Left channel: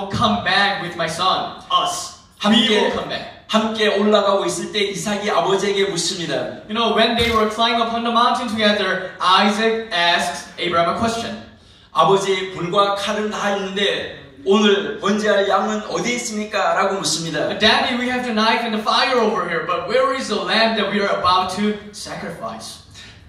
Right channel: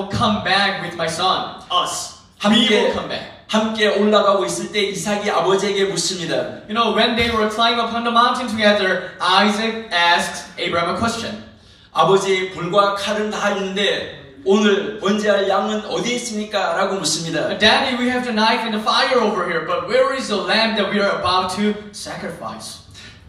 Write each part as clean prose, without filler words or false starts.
come back with my son, us. We will come back. 함께 올라가고 있을 때 이삭이 아버지에게 묻습니다. You know, when they were climbing upon the mountain together, Isaac asked Abraham a question. 아버지, 불과 칼은 다 있는데 오늘 번제할 양은 어디 있습니까? 라고 묻습니다. Daddy, we have the knife and the fire over here, but where is the lamb that we are about to sacrifice?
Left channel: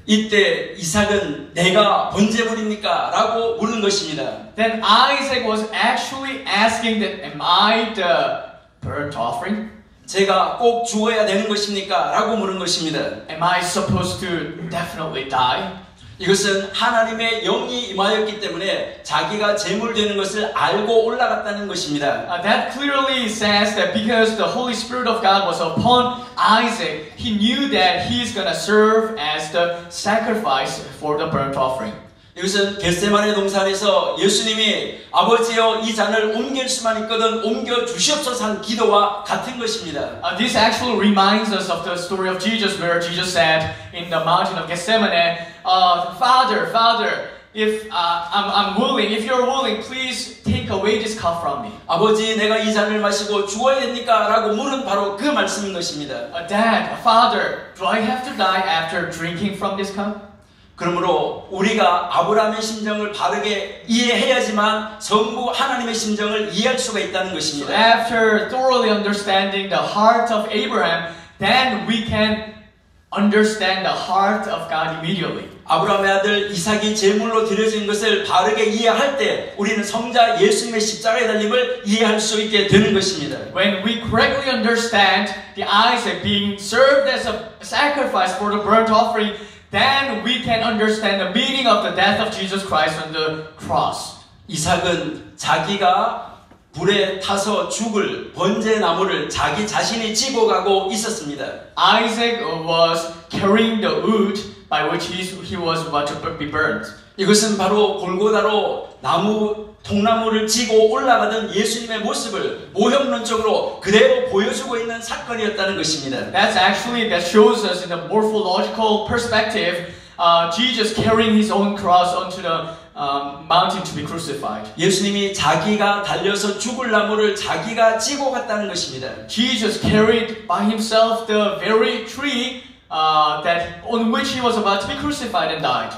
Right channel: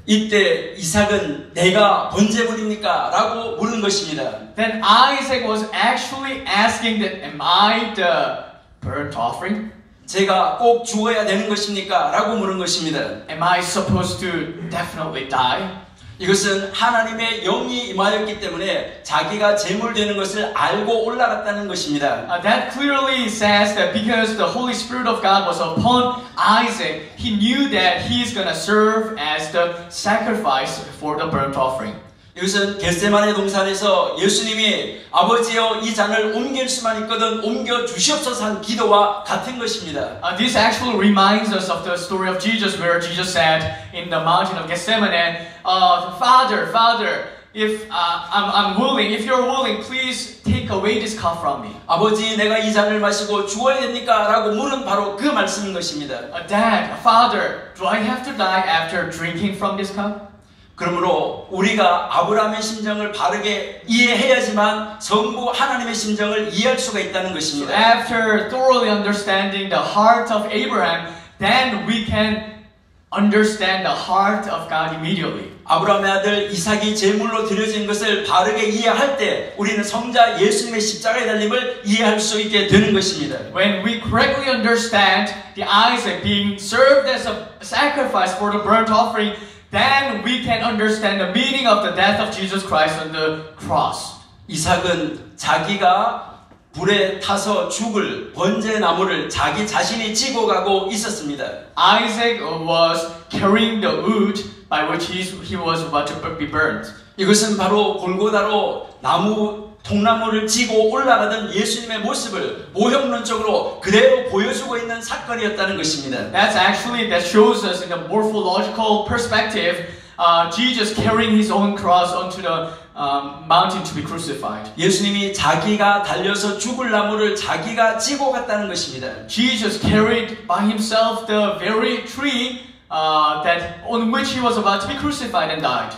이때 이삭은 내가 번제물입니까? 라고 물은 것입니다. Then Isaac was actually asking that, am I the burnt offering? 제가 꼭 죽어야 되는 것입니까? 라고 물은 것입니다. Am I supposed to definitely die? 이것은 하나님의 영이 임하였기 때문에 자기가 제물되는 것을 알고 올라갔다는 것입니다. That clearly says that because the Holy Spirit of God was upon Isaac, he knew that he's going to serve as the sacrifice for the burnt offering. 이것은 겟세마네 동산에서 예수님이 아버지여 이 잔을 옮길 수만 있거든 옮겨 주시옵소서 한 기도와 같은 것입니다. This actually reminds us of the story of Jesus where Jesus said in the mountain of Gethsemane, Father, if I'm willing, if you're willing, please take away this cup from me. 아버지, 내가 이 잔을 마시고 죽어야 됩니까? 라고 물은 바로 그 말씀인 것입니다. Dad, Father, do I have to die after drinking from this cup? 그러므로 우리가 아브라함의 심정을 바르게 이해해야지만 전부 하나님의 심정을 이해할 수가 있다는 것입니다. After thoroughly understanding the heart of Abraham, then we can understand the heart of God immediately. 아브라함의 아들 이삭이 제물로 드려진 것을 바르게 이해할 때 우리는 성자 예수님의 십자가의 달림을 이해할 수 있게 되는 것입니다. When we correctly understand the Isaac being served as a sacrifice for the burnt offering, then we can understand the meaning of the death of Jesus Christ on the cross. 이삭은 자기가 불에 타서 죽을 번제 나무를 자기 자신이 지고 가고 있었습니다. Isaac was carrying the wood by which he was about to be burned. 이것은 바로 골고다로 통나무를 지고 올라가던 예수님의 모습을 모형론적으로 그대로 보여주고 있는 사건이었다는 것입니다. That shows us in a morphological perspective, Jesus carrying his own cross onto the mountain to be crucified. 예수님이 자기가 달려서 죽을 나무를 자기가 지고 갔다는 것입니다. Jesus carried by himself the very tree on which he was about to be crucified and died.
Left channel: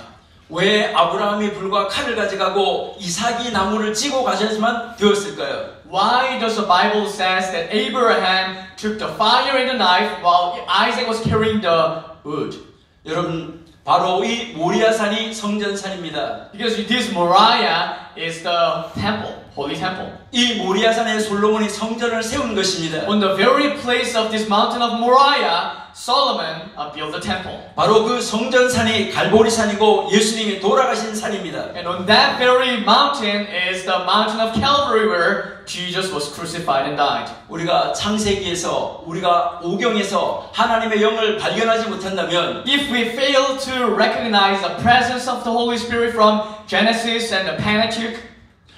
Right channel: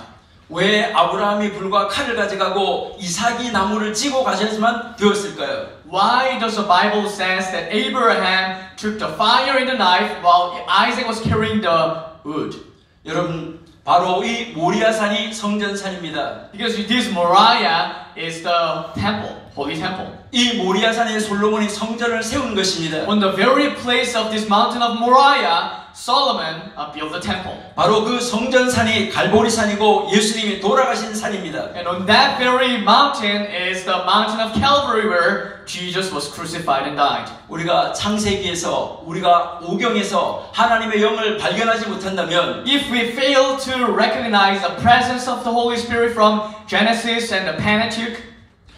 왜 아브라함이 불과 칼을 가져가고 이삭이 나무를 지고 가셔야만 되었을까요? Why does the Bible says that Abraham took the fire and the knife while Isaac was carrying the wood? 여러분, 바로 이 모리아산이 성전산입니다. Because this Moriah is the temple, holy temple. 이 모리아산에 솔로몬이 성전을 세운 것입니다. On the very place of this mountain of Moriah, Solomon built the temple. 바로 그 성전산이 갈보리산이고 예수님이 돌아가신 산입니다. And on that very mountain is the mountain of Calvary where Jesus was crucified and died. 우리가 창세기에서 우리가 오경에서 하나님의 영을 발견하지 못한다면 If we fail to recognize the presence of the Holy Spirit from Genesis and the Pentateuch,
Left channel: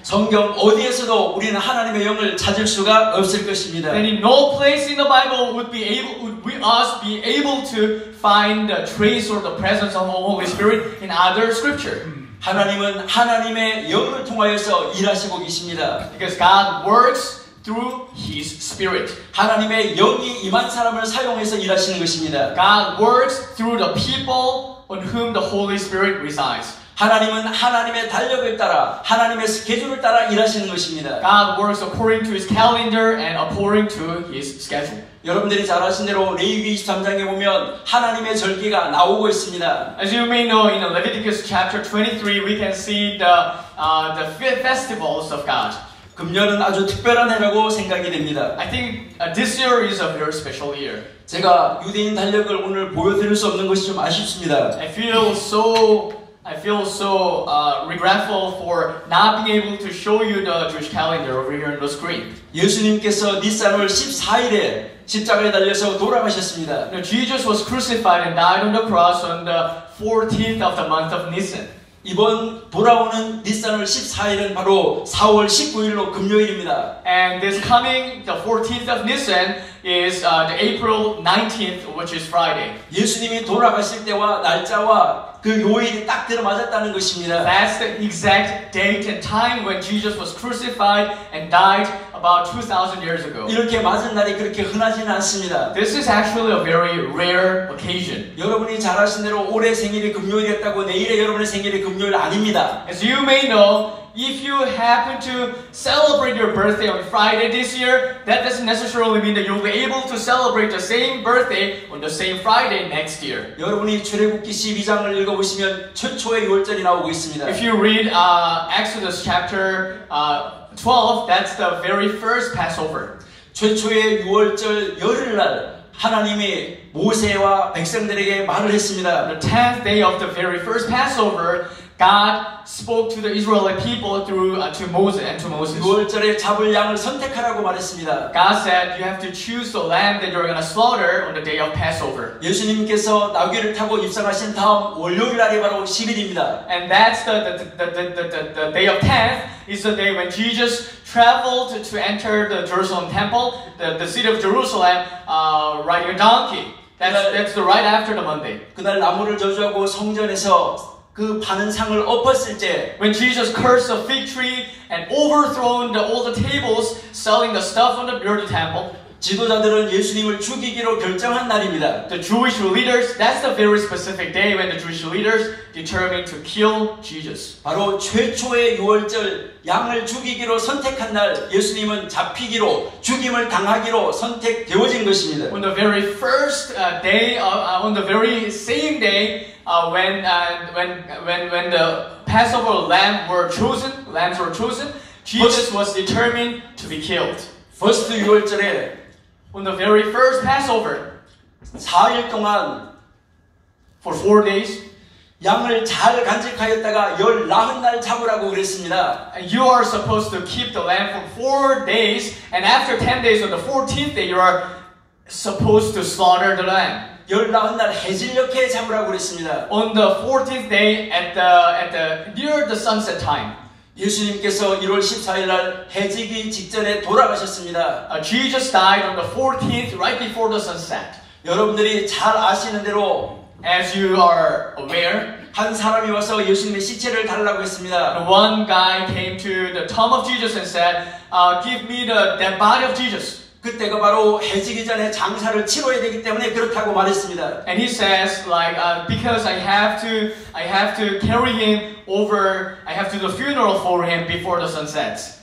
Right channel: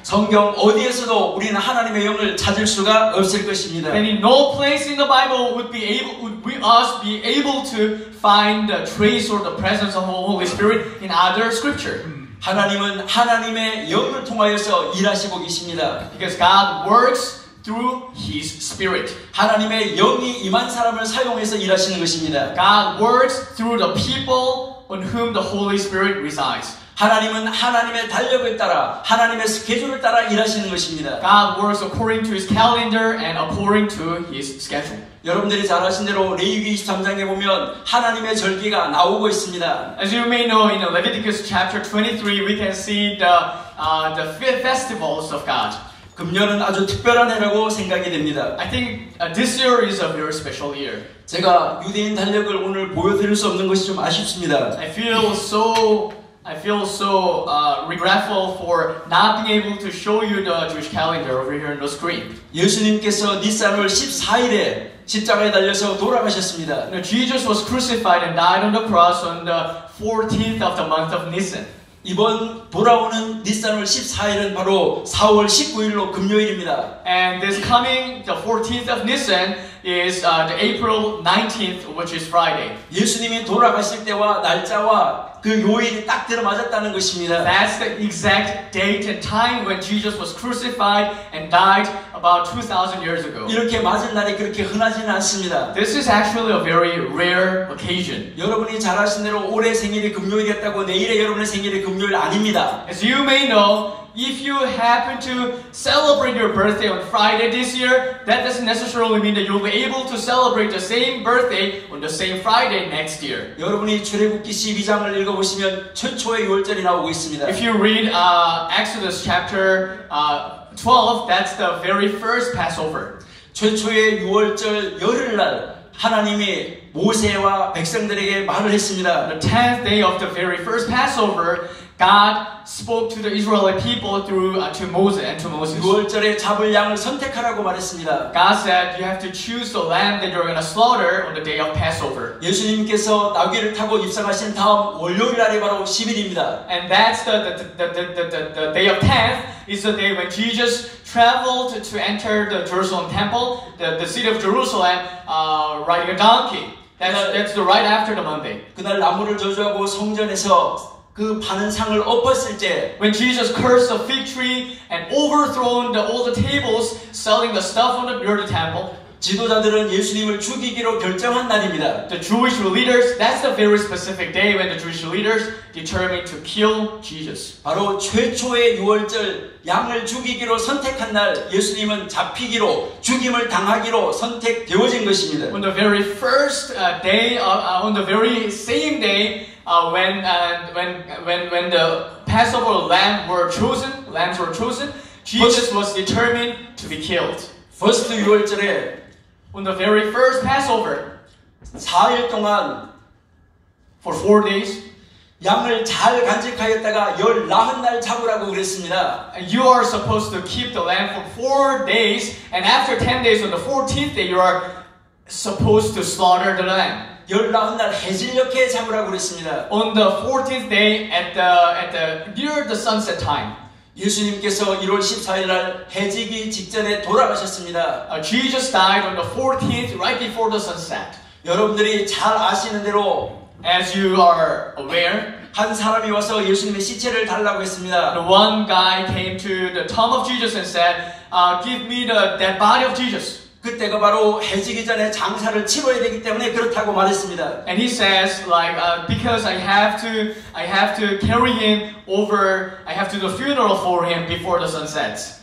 성경 어디에서도 우리는 하나님의 영을 찾을 수가 없을 것입니다. then in no place in the Bible would us be able to find the trace or the presence of the Holy Spirit in other scripture. 하나님은 하나님의 영을 통하여서 일하시고 계십니다. Because God works through His Spirit. 하나님의 영이 임한 사람을 사용해서 일하시는 것입니다. God works through the people on whom the Holy Spirit resides. 하나님은 하나님의 달력을 따라 하나님의 스케줄을 따라 일하시는 것입니다. God works according to His calendar and according to His schedule. 여러분들이 잘 아신 대로 레위기 23장에 보면 하나님의 절기가 나오고 있습니다. As you may know, in Leviticus chapter 23, we can see the festivals of God. 금년은 아주 특별한 해라고 생각이 됩니다. I think this year is a very special year. 제가 유대인 달력을 오늘 보여드릴 수 없는 것이 좀 아쉽습니다. I feel so regretful for not being able to show you the Jewish calendar over here on the screen. 예수님께서 니산월 14일에 십자가에 달려서 돌아가셨습니다. Jesus was crucified and died on the cross on the 14th of the month of Nisan. 이번 돌아오는 니산월 14일은 바로 4월 19일로 금요일입니다. And this coming, the 14th of Nisan, is the April 19th, which is Friday. 예수님이 돌아가실 때와 날짜와 그 요일이 딱 들어맞았다는 것입니다. That's the exact date and time when Jesus was crucified and died about 2,000 years ago. 이렇게 맞은 날이 그렇게 흔하지는 않습니다. This is actually a very rare occasion. 여러분이 잘 아신 대로 올해 생일이 금요일이었다고 내일의 여러분의 생일이 금요일 아닙니다. As you may know, if you happen to celebrate your birthday on Friday this year, that doesn't necessarily mean that you'll be able to celebrate the same birthday on the same Friday next year. 여러분이 출애굽기 12장을 읽어보시면 최초의 유월절이 나오고 있습니다. If you read Exodus chapter 12, that's the very first Passover. 최초의 유월절 열흘날 하나님이 모세와 백성들에게 말을 했습니다. The 10th day of the very first Passover, God spoke to the Israelite people through to Moses. 유월절에 잡을 양을 선택하라고 말했습니다. God said you have to choose the lamb that you're going to slaughter on the day of Passover. 예수님께서 나귀를 타고 입성하신 다음 월요일 날이 바로 10일입니다. And that's the day of 10th is the day when Jesus traveled to enter the Jerusalem temple, the city of Jerusalem, riding a donkey. That's the right after the Monday. 그날 나무를 저주하고 성전에서 그 파는 상을 엎었을 때 When Jesus cursed the fig tree and overthrown all the tables selling the stuff near the temple, 지도자들은 예수님을 죽이기로 결정한 날입니다. the Jewish leaders, that's the very specific day when the Jewish leaders determined to kill Jesus. 바로 최초의 유월절 양을 죽이기로 선택한 날 예수님은 잡히기로 죽임을 당하기로 선택되어진 것입니다. On the very first day, on the very same day, when the Passover lambs were chosen, Jesus was determined to be killed. 퍼스트 유월절에 On the very first Passover, 4일 동안 for 4 days, 양을 잘 간직하였다가 19날 잡으라고 그랬습니다. and you are supposed to keep the lamb for 4 days, and after 10 days, on the 14th day, you are supposed to slaughter the lamb. 19날 해질녘에 잡으라고 그랬습니다. On the 14th day, near the sunset time, 예수님께서 1월 14일 날 해지기 직전에 돌아가셨습니다. Jesus died on the 14th, right before the sunset. 여러분들이 잘 아시는 대로 As you are aware, 한 사람이 와서 예수님의 시체를 달라고 했습니다. one guy came to the tomb of Jesus and said, give me the dead body of Jesus. 그때가 바로 해지기 전에 장사를 치러야 되기 때문에 그렇다고 말했습니다. And he says, because I have to carry him over, I have to do the funeral for him before the sun sets.